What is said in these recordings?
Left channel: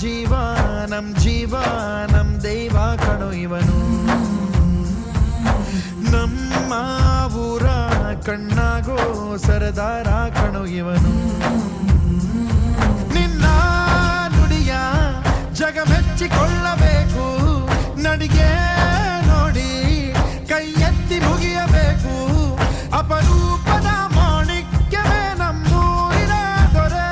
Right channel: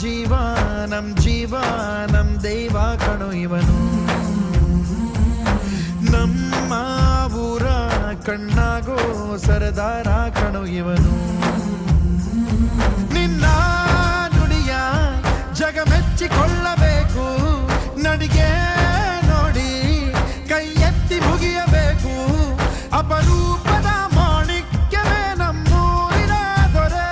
ಜೀವ ನಮ್ ದೈವ ಕಣೋ ಇವನು. ನಮ್ಮ ಊರ ಕಣ್ಣಾಗೋ ಸರದಾರ ಕಣೋ ಇವನು. ನಿನ್ನ ನುಡಿಯ ಜಗ ಮೆಚ್ಚಿಕೊಳ್ಳಬೇಕು, ನಡಿಗೆ ನೋಡಿ ಕೈ ಎತ್ತಿ ಮುಗಿಯಬೇಕು. ಅಪರೂಪದ ಮಾಣಿಕ್ಯವೇ ನಮ್ಮೂರಿನ ದೊರೆ.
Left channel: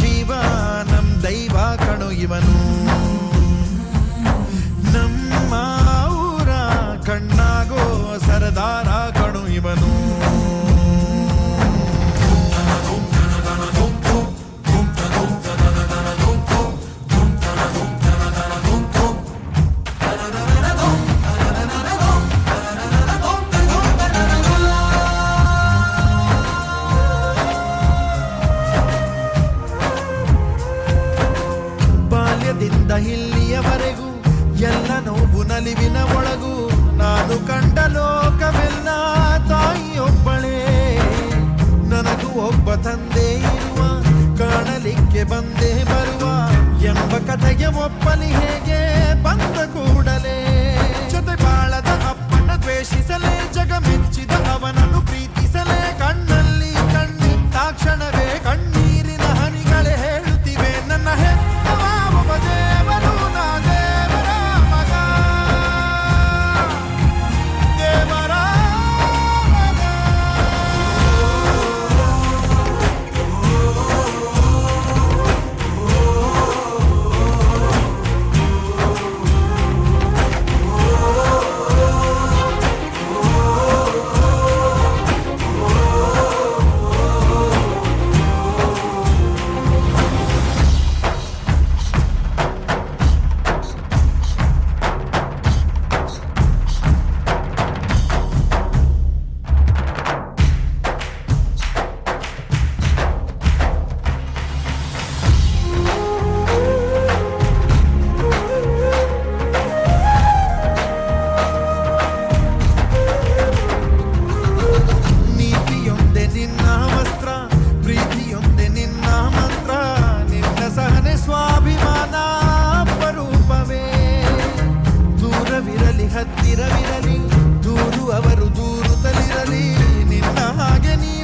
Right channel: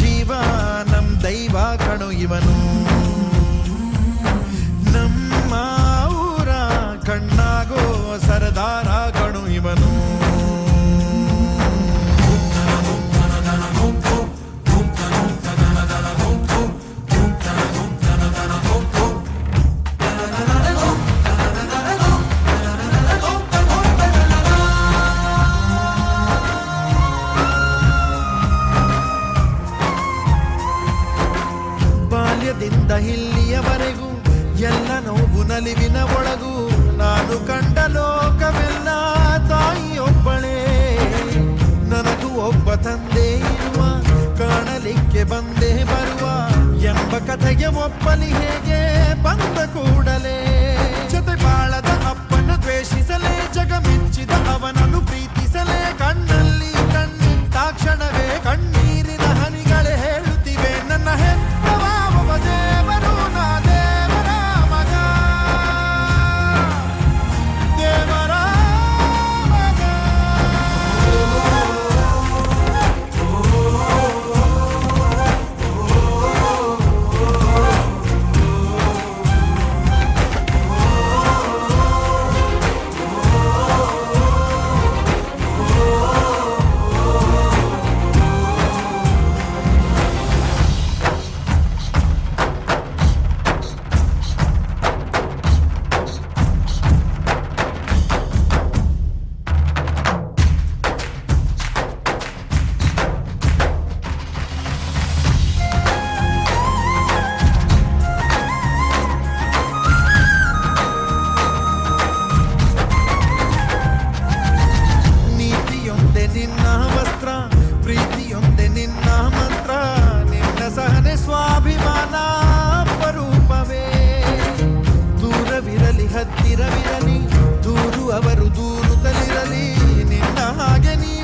ಜೀವ ನಮ್ ದೈವ ಕಣೋ ಇವನು. ನಮ್ಮ ಊರ ಕಣ್ಣಾಗೋ ಸರದಾರ ಕಣೋ ಇವನು. ಬಾಲ್ಯದಿಂದ ಇಲ್ಲಿಯವರೆಗೂ ಎಲ್ಲ ನೋವು ನಲಿವಿನ ಒಳಗೂ ನಾನು ಕಂಡ ಲೋಕವೆಲ್ಲ ತಾಯಿಯೊಬ್ಬಳೇ. ನನಗೂ ಒಬ್ಬ ತಂದೆ ಇರುವ, ಕಾಣಲಿಕ್ಕೆ ಬಂದೇ ಬರುವ ಎಂಬ ಕಥೆಗೆ ಒಪ್ಪಲಿ ಹೇಗೆ ಬಂದ ಕೂಡಲೇ. ಜೊತೆ ಬಾಳದ ಅಪ್ಪನ ದ್ವೇಷಿಸಲೇ, ಜಗ ಮೆಚ್ಚಿದ ಅವನನ್ನು ಪ್ರೀತಿಸಲೇ. ಕಣ್ಣಲ್ಲಿ ಕಣ್ಣಿಟ್ಟಾಕ್ಷಣವೇ ಕಣ್ಣೀರಿನ ಹನಿಗಳೇ ಹೇಳುತ್ತಿವೆ, ನನ್ನ ಹೆತ್ತವ ಒಬ್ಬ ದೇವರು, ನಾ ದೇವರ ಮಗ, ದೇವರ ಮಗ. ನಿನ್ನ ವಸ್ತ್ರ, ಪ್ರೀತಿಯೊಂದೆ ನಿನ್ನ ಮಂತ್ರ, ನಿನ್ನ ಸಹನೆ ಸ್ವಾಭಿಮಾನ ಅಪರೂಪವೇ. ದೂರವಿರಲಿ ಹತ್ತಿರವಿರಲಿ, ದೂರು ಅವರು ದೂರುತ್ತಲಿರಲಿ, ನಿನ್ನ ಹಾಗೆ ನೀ